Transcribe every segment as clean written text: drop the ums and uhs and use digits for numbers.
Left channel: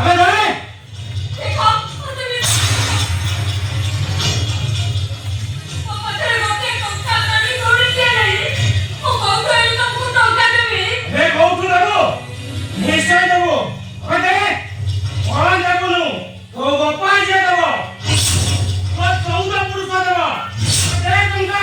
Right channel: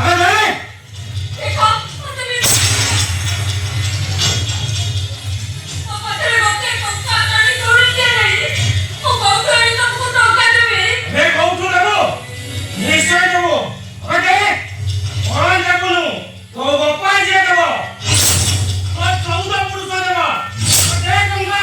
अबे दे देखो তুমি আমাদের রতে কথা কানি করুন কে নাই ও বাউটাই তমকু টাকা দেবে रे कौतु देबो निश्चय देबो अबे दे कोन देबनु तो बापा जे देबो ओ 14 पुरुष देबो दे टंका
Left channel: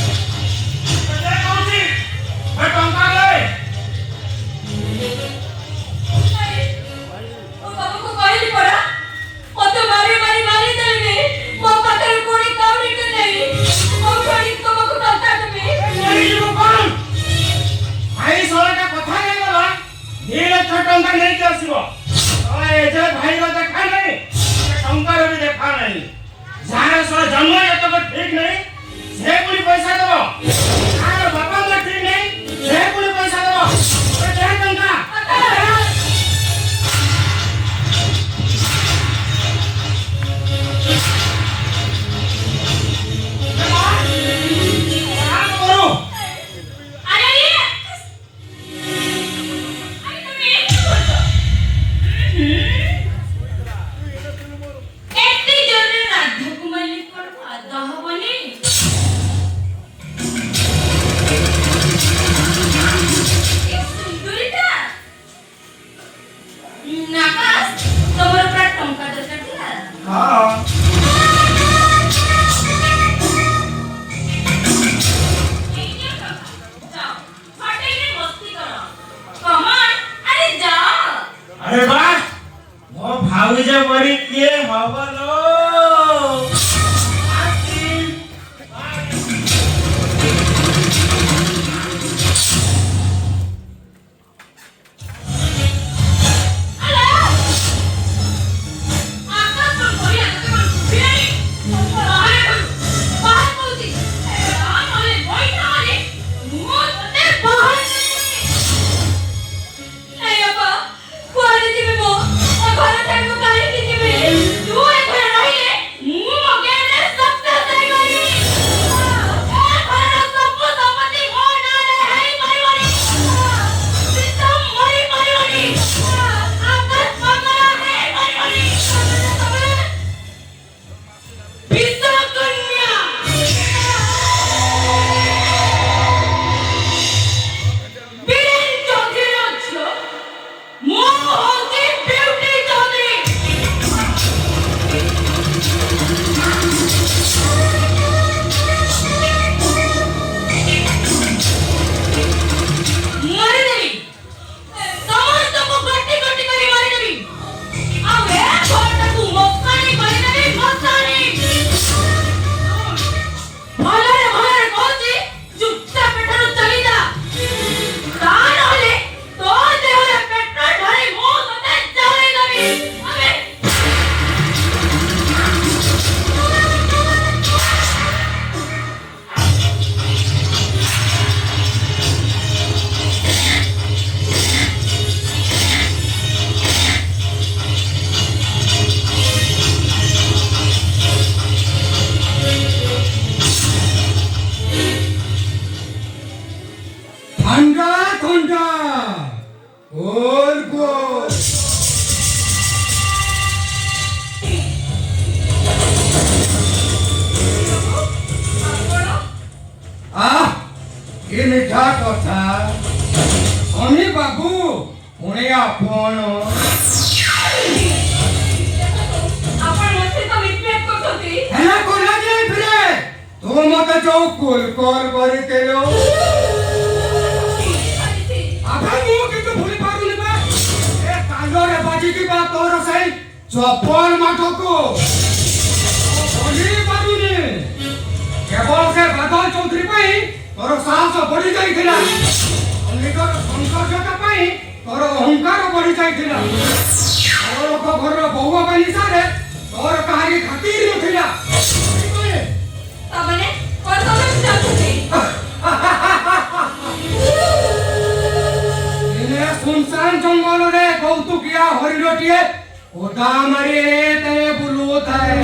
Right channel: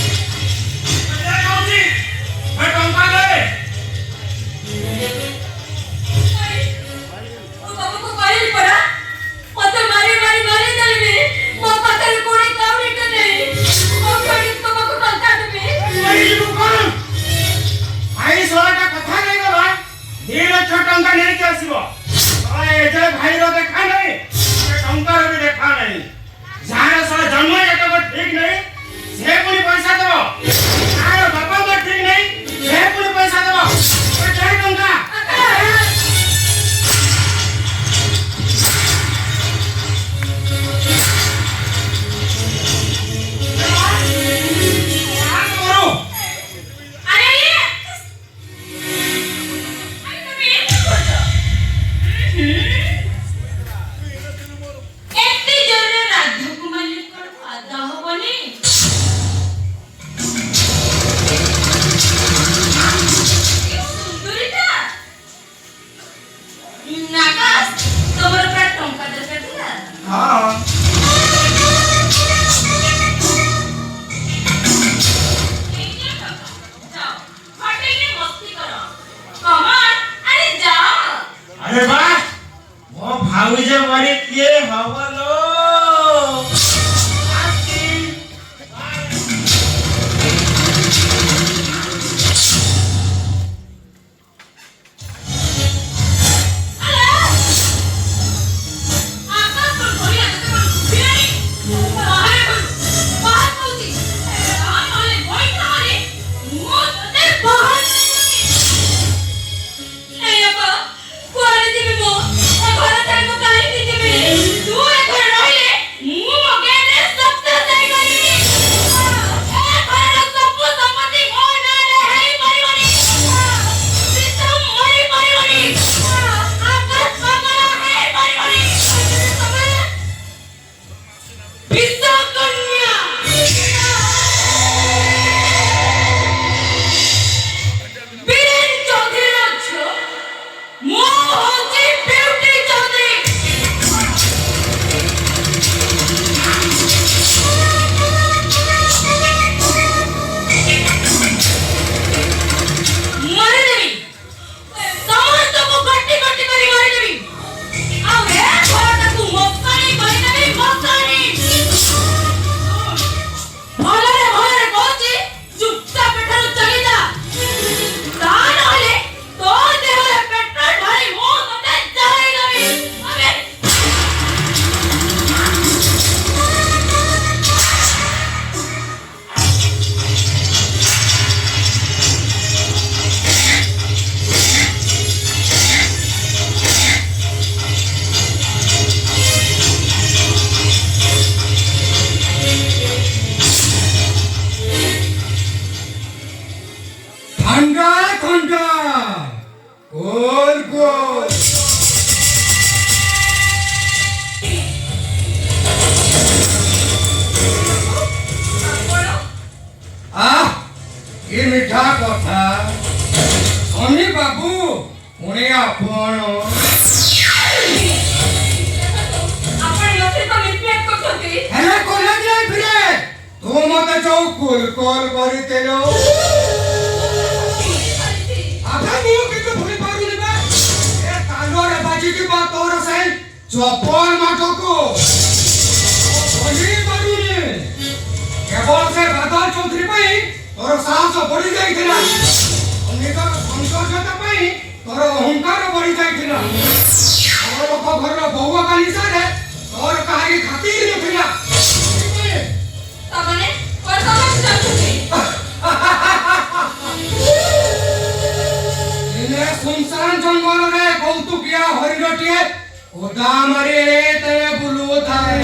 दे कौती मैं टंका दे ও বাবুকে কইলি পড়া কত মারি মারি মারি দেবে মো পাখরে কোন কাউরি কে নাই বাউটাই তমকু টাকা দেবে এই জীবন কোন भाई सोलाटा कथा नहीं गला 2 लाख टंका नहीं के आसीबो ए जे भाई रो देखा नहीं टंका रो भी देखा नहीं जाने सोला जन्म तो ठीक नहीं से पुनी पैसा देबो आर बाबा मत ठीक नहीं से पुनी पैसा देबो ए दे टंका अरे अरे তুমি এতে জোরে রাজকুমারী কোন আদা হবনি সুন্দরীটা নাকাস তোমার প্রায় টঙ্কা দেতে দিলা हां जाओ हटे के मस्ती करो कमान अरे जाओ अरे वाह वो भाऊ जे बड़ी किए हवलो आती अरे आकाश पर कोई आते पर बिराई बाहर पहुंची आ नले बैठा रे मो ते बाहर ए अपा कोरे दिबे मो ए घरे थाई मो काई दिबे तू ए घरे रहिले मु मगे रे सब ते गई ए घरे सब संपत्ति हो ना रे हेई मारी सिस्टम मारी आकाश पागल है मारी विश्व कन्या বীরেন চৌধুরী রাজ্য মো হচ্ছে বিউটি চৌধুরী মারিদেবি ସମସ୍ତଙ୍କୁ ଗଟି ଗଟି କରି ମାରିଦେବି ଆଉ ଏ ଘରଟାକୁ ମଶାଣି କରିଦେବି ମଶାଣି ଭଲରେ ଭଲରେ କହୁଛି ଚୁପଚାପ ଏଠାରୁ ଚାଲିଯା ତା ନହେଲେ ତୋ ଦେହରେ ପେଟ୍ରୋଲ ଭରି ମୁଁ ତତେ ଜଳେଇଦେବି ଆବେ ठंडा ठंडा गोल गोल ये मीठा कथा अमी बाबू पुणे आपण ଆପଣ ମତେ ତ ମିଟମେଟ କରୁଛନ୍ତି ହେଲା କୋଲା ଯେ फिरे तू मते जो कुल कॉल କରିतेलो आधा मुंह के तो भूली पारुनी बा ए कालोरे बाजी की बात तोर से चपल माठो को भूली पारुनी केवल से बादल चौधरी पई तोर साहस बढ़ी जाइथिला निकर संसर्जता पई तोर अहंकार बढ़ी जाइथिला तोर लोक घर बहुआ काली सारे तोर काहे खातिर नथिला ତମାନେ କଥା ଚାହୁଁଛନ୍ତି इने सुनसान जंगल रे कौतुकिया हरिणटिए ओदा मारे तने बुलुताए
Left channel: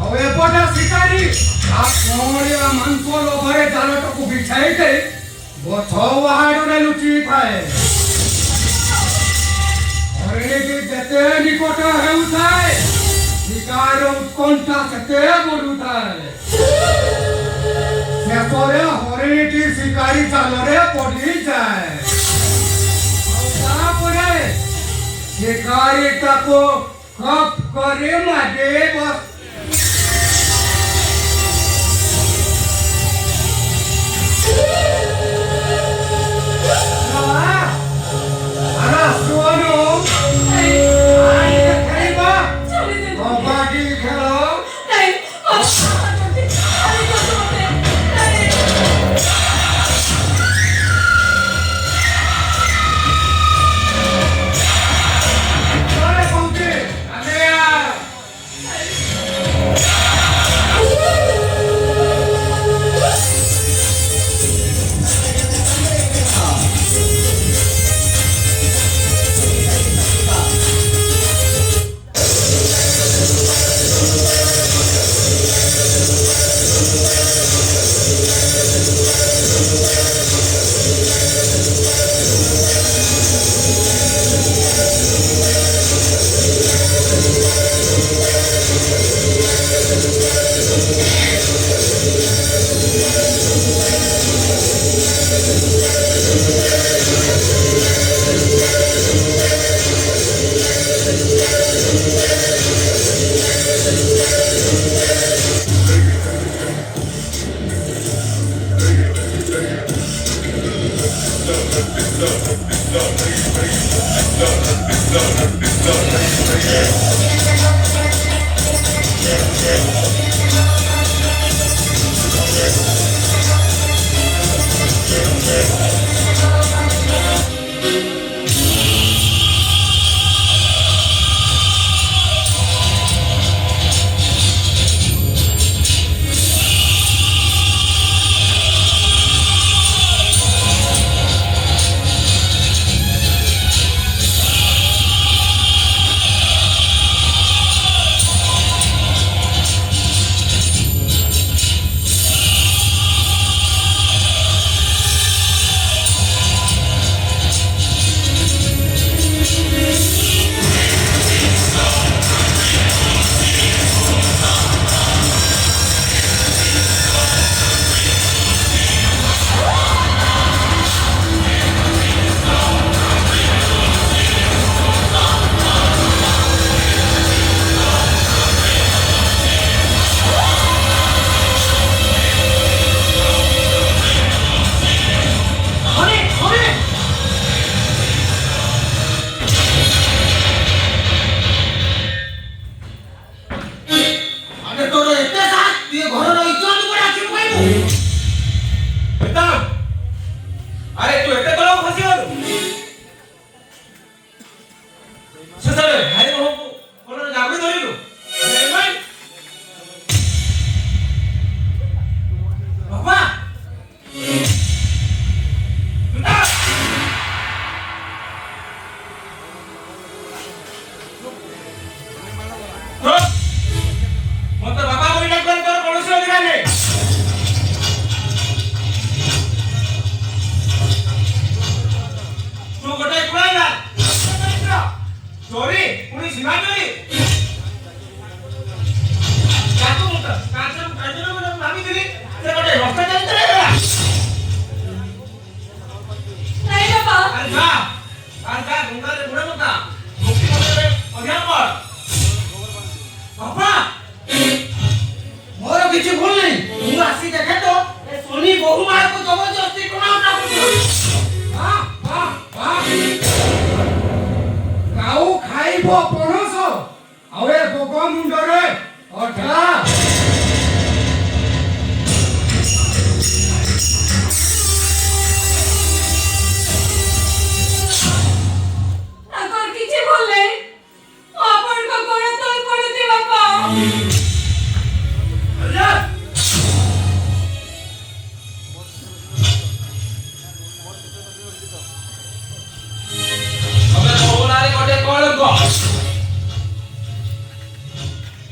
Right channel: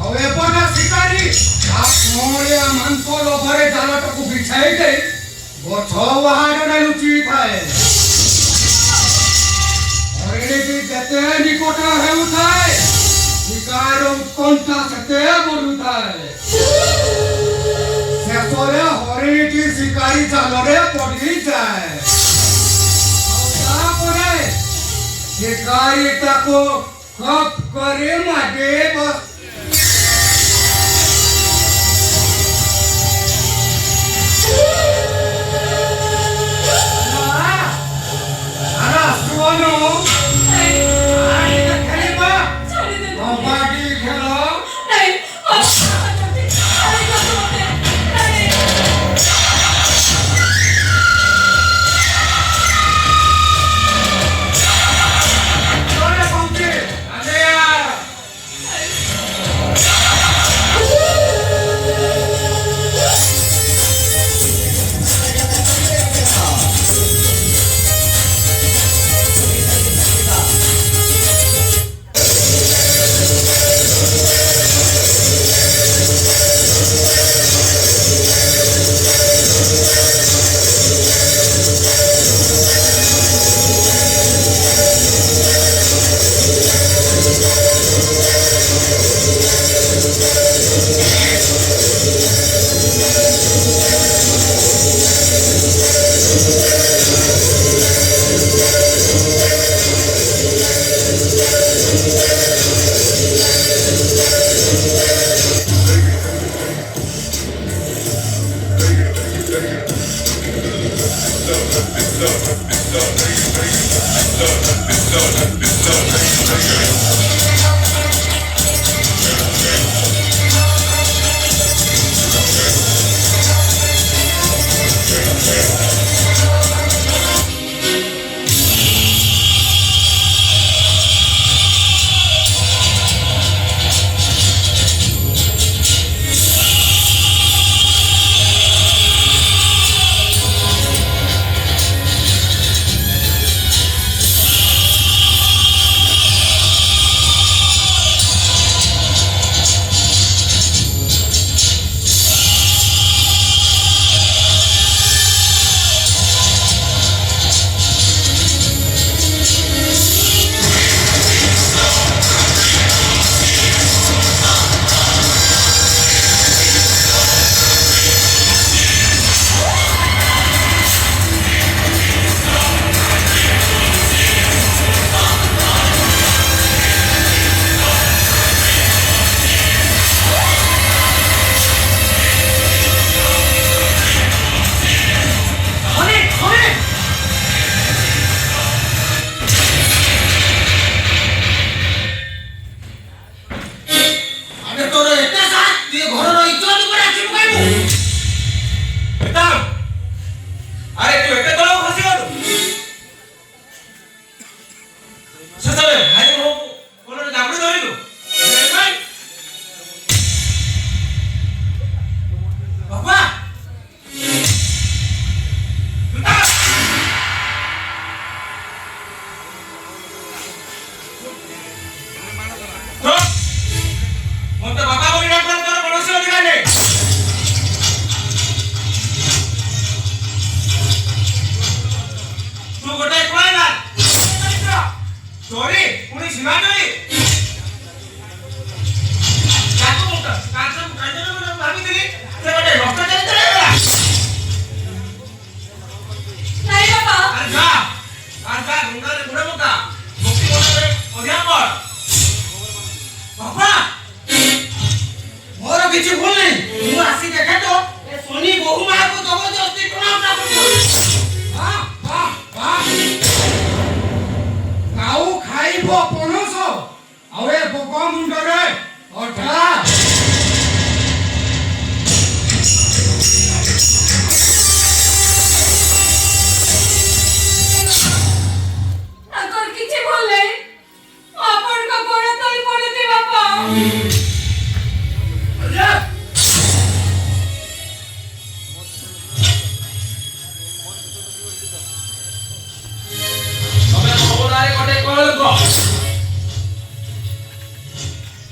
ଆଉ ଏପଟେ ଶିକାରୀ କଅଁଳିଆ ମାଂସ ଲୋଭରେ ଜାଲଟାକୁ ବିଛାଇ ଦେଇ ଗଛ ବାହାରରେ ଲୁଚି ଥାଏ। ହରିଣୀଟି ଯେତେ ନିକଟ ହେଉଥାଏ ଶିକାରୀର ଉତ୍କଣ୍ଠା ସେତେ ବଢୁଥାଏ। ଶେଷରେ ହରିଣୀଟି ଶିକାରୀ ଜାଲରେ ପଡ଼ିଯାଏ। ଆଉ ତାପରେ ଶିକାରୀ ତାକୁ ଖପ୍ କରି ମାଗି ବସ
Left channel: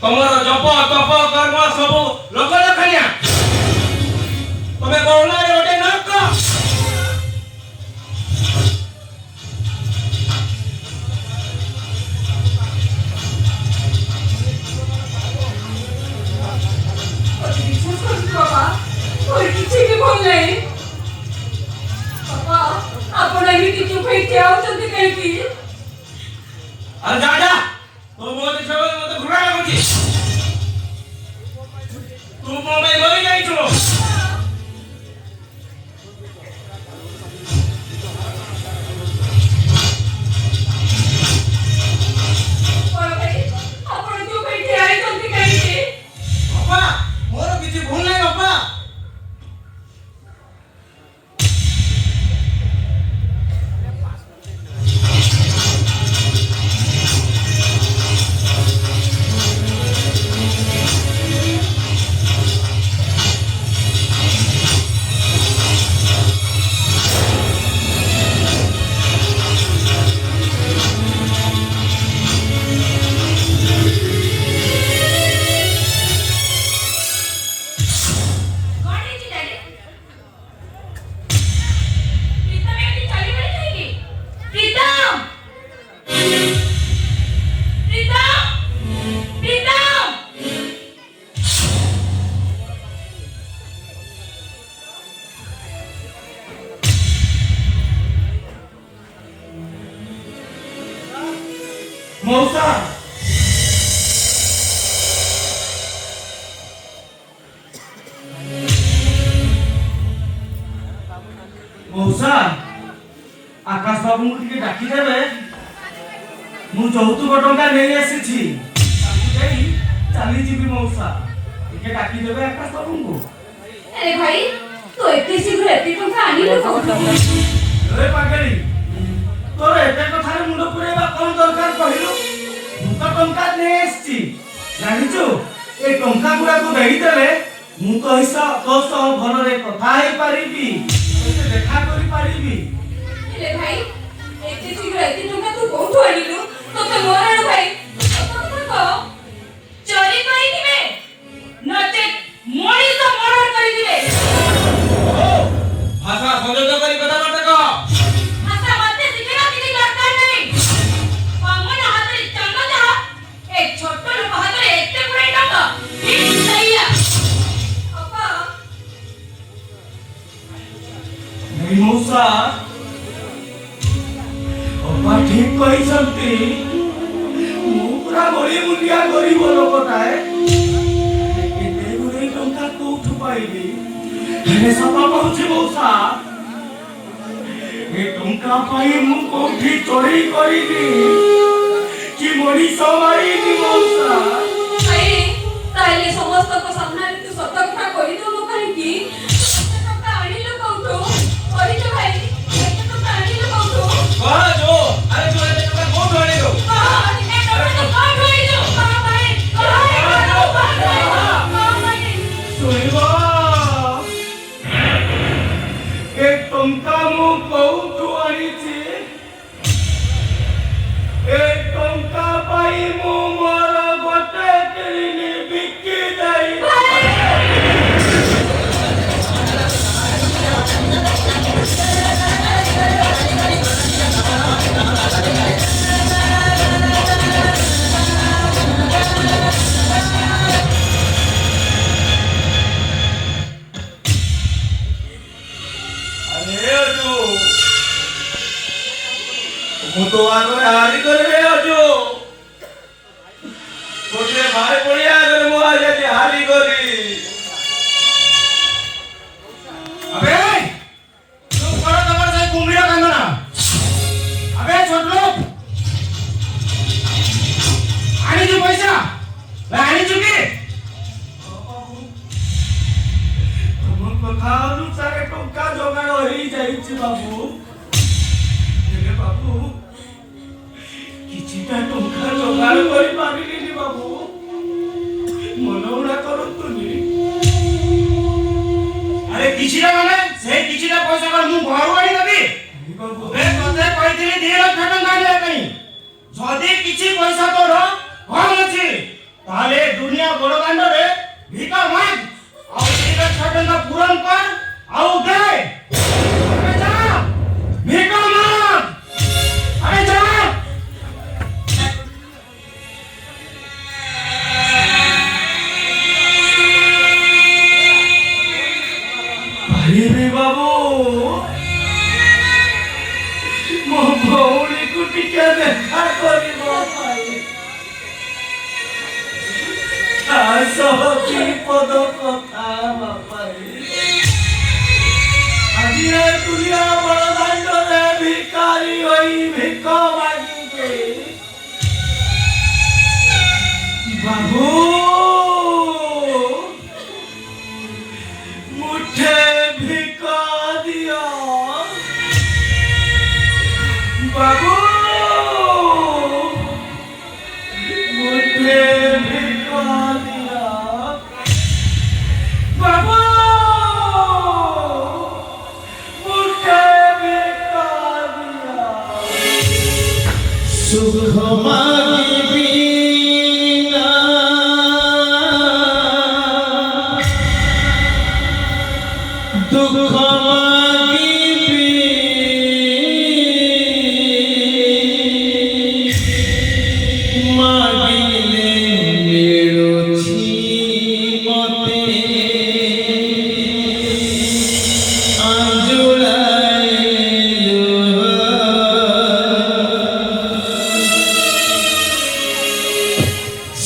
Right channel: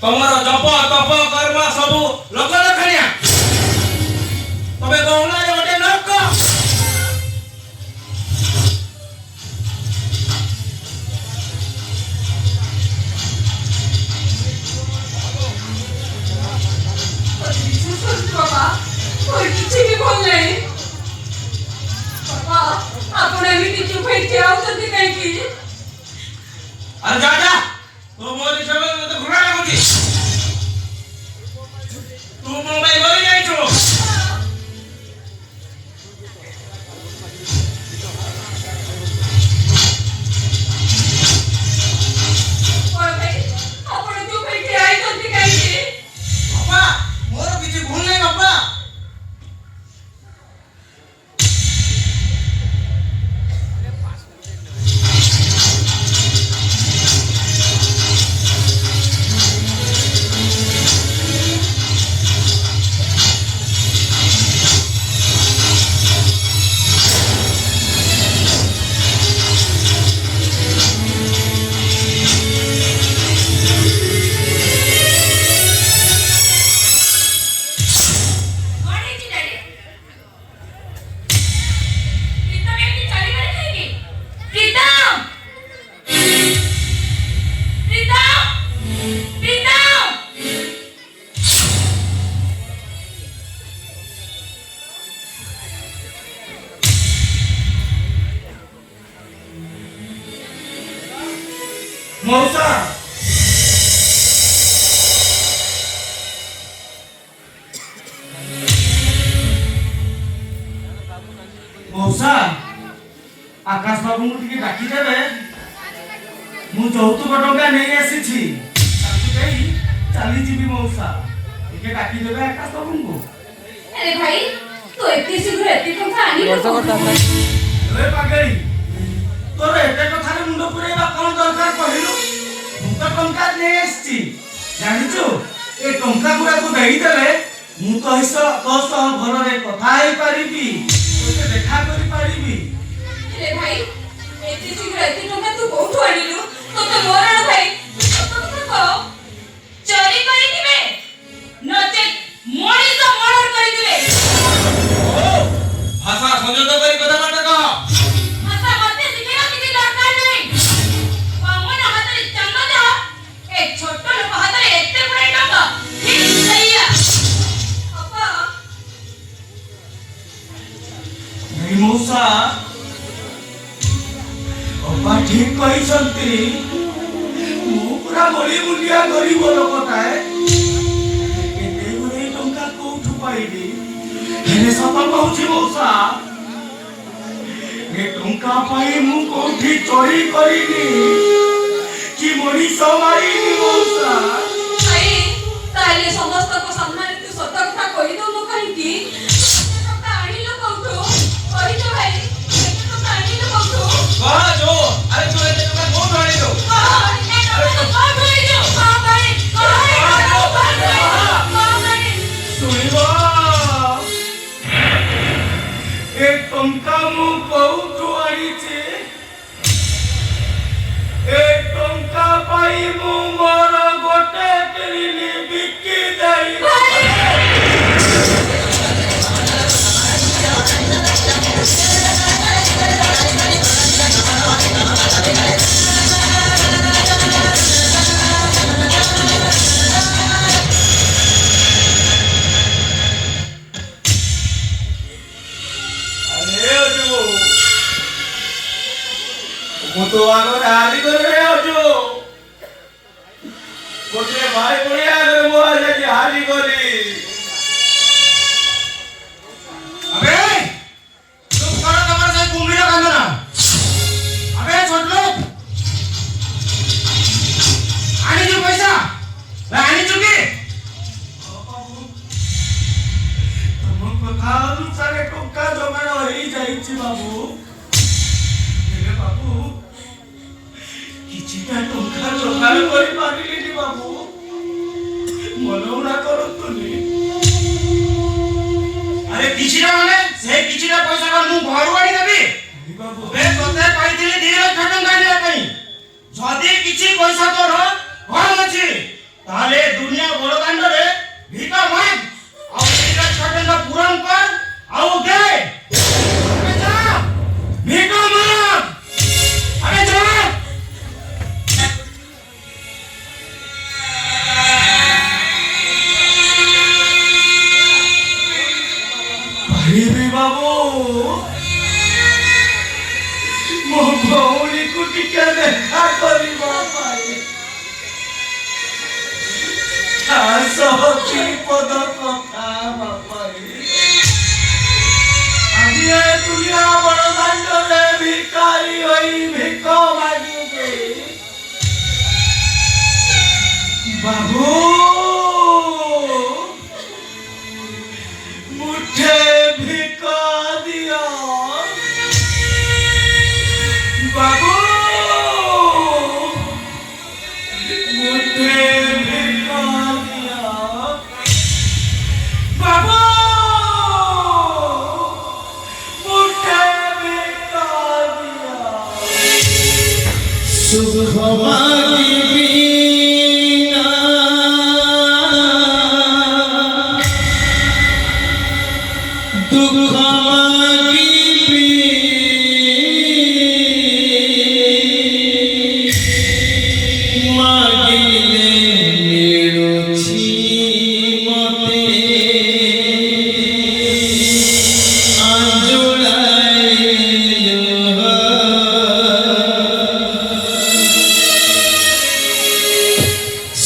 ତମର ଜପ ତପ କର୍ମ ସବୁ ଲୋକ ଲକ୍ଷଣିଆ ଏଠି ଆଉଛନ୍ତି କାହିଁକି? अरे जा जा तो बोल छो तो घुरा लगती तू मोबाइल बोल जाई छो ବଡ଼ ଭାଇ ଆପଣ ଯୋଉ ଏଠି ଆଇଛନ୍ତି କାହିଁକି? बाबा मोर किछि भूल नहीं बाबा କଣ ହେଇଛି ଡାଡି? ପ୍ରୀତମ ଏଠି ଚାଲିଗଲେ କାହିଁକି? ପ୍ରୀତମ! ପ୍ରୀତମ! ପ୍ରୀତମ! मौसा मौसा आकाश बाबू को टिके डाकी देबे मु चौथुक टंका नहीं आसीछि ताकि देई चली जीवी मौसा टिके डाकी देबे आकाश बाबू को अरे भाई तू एते शीघ्र एते टंका आनिलु कोठु? ए पागई तोर एते कथा रे मुंड पुरेबा कोन दरकार कहिलु मु तो टंका नहीं आसीछि जानिछु ए टंका गुरा तू देई देले मु तो हिसा तो सह घर रे कथा हेई परिबी तोते देखा करि परिबी अरे भाई एते शीघ्र एते टंका तू कोठु आनिलु? तोते मरण भाई तो चोरी करिदिबे नचे मଣିଷ मर्डर करिदिबे। भाषा संଯୋଗ କରି କଥା ନାଟକ भाषा मते शिखेला किछि दरकार नहीं। पावन हातरे चंगदा ए छोट लोक हातरे एते गुडे टंका ठीक सहीया अपा नहीं मौसा अब्बा ठीक कहते मु पूरा बड़ी मुंडिया गरीब लोकटाए एते गुरे टंका कोठु पाइबी हेले सपा पहुंची मौसा ए टंका पाई मु कोठी चोरी करिनी कि मरी समाईनी मौसा भाई ताले समस्त को सामने तू सत कथा कहि दो काहेकि एते टंका आनिलु कोठु? कहि दे भाई एते टंका आनिलु कोठु? कह जो अरे तू एते टंका कोठु आनी दो सुनिबो ए टंका मु कोठु आनीची ए टंका पाई मु मोर गोटे किनी बिकी देई अरे ओजो मु तो आरो हारी करे ओजो गोटे भाई बड़िया करे मु आज हारी गली अबे तू करो तमर से कुंभीरा कांदना अबे छोट लोग आनी जो पैसा वे आनी चुकी तुम कथा अनुसार टंका जोगाड़ होई जाईछि बाबू हेले बाबू किछिटा टंका जोगाड़ करि पारिलिनी बाबू मनोरा करतुनी अरे किछिटा माने से किछिटा पैसा का मु घर आनी देबी बाबू वे कते पाइथिली 2 लाख टंका देबा पई जदी किछि पैसा तोर कम अछि ताले दुनिया बड़ दांड रे भिका माग आ 2 लाख टंका पूरण कर आ दे अबे जा भिका माग अबे जा भाई रे बाबू ମୋ ଭଉଣୀକୁ ଟିକେ ଦେଖା କରିବା ପାଇଁ ଆସ କି ପଦ କଥା ହେବା ପାଇଁ ଆଜି ଏ ଦୁନିଆ ବଡ଼ଦାଣ୍ଡରେ ଭିକାରୀ ହୋଇ ଭିକ ମାଗିବେ ବାବୁ मुठे भिका दिया बाबू मुठे भिका दिया बाबू मुठे भिका दिया सुख मांगी बिना दुख मागिले मिलुछि मते आंजुलाइलो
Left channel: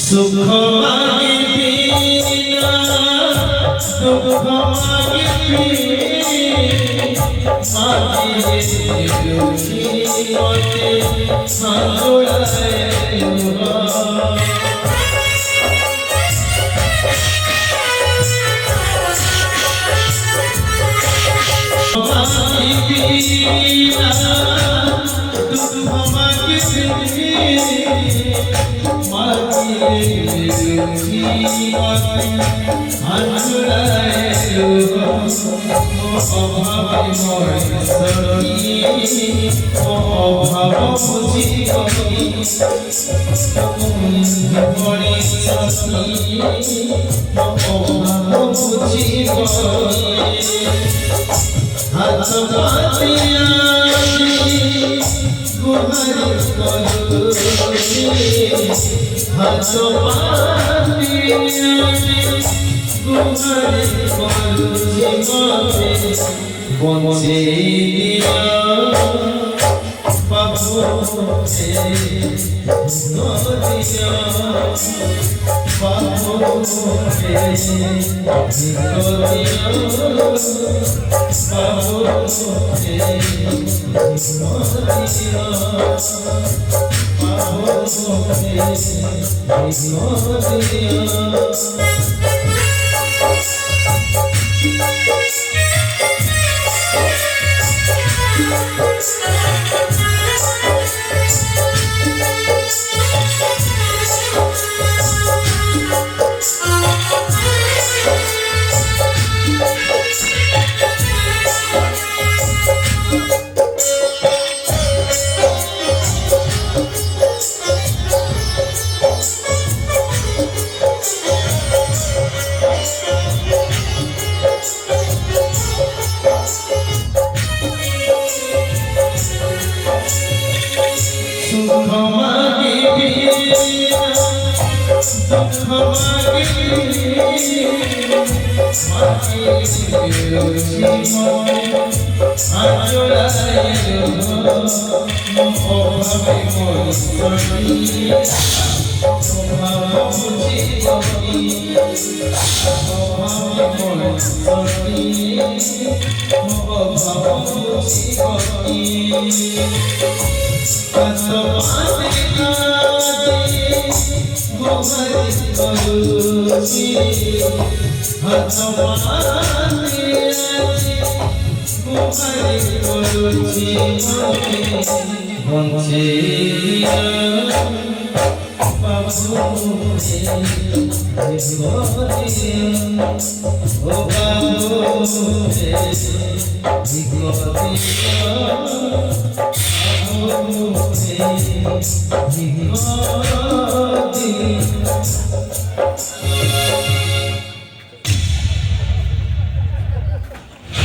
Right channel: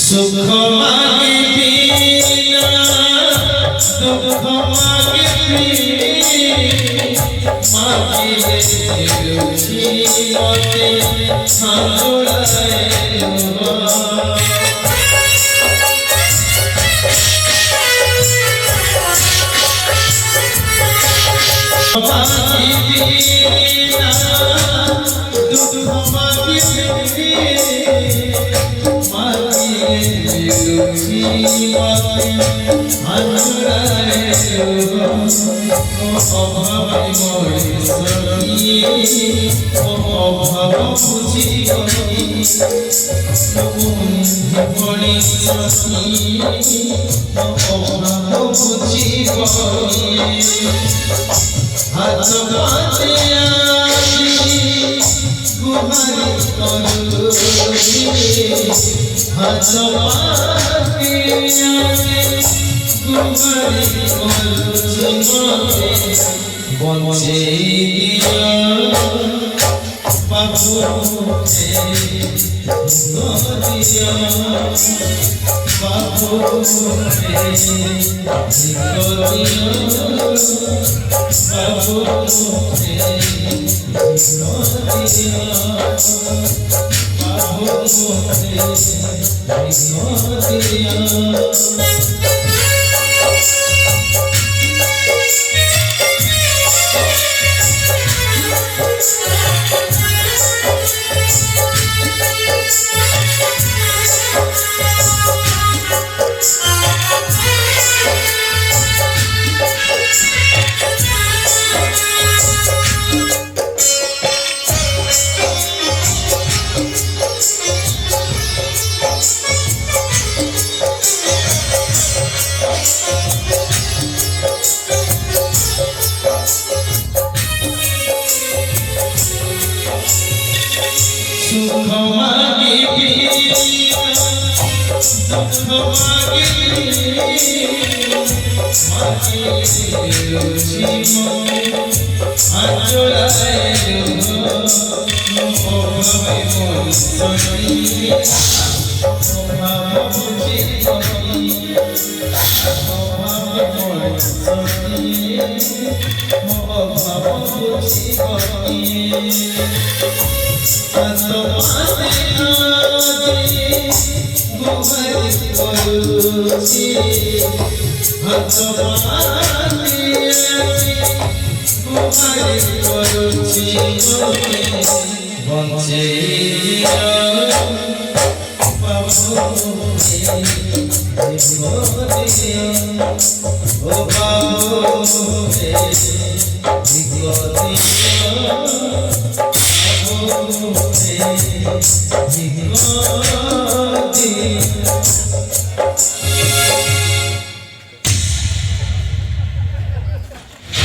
सुख मागी बिना दुख मागी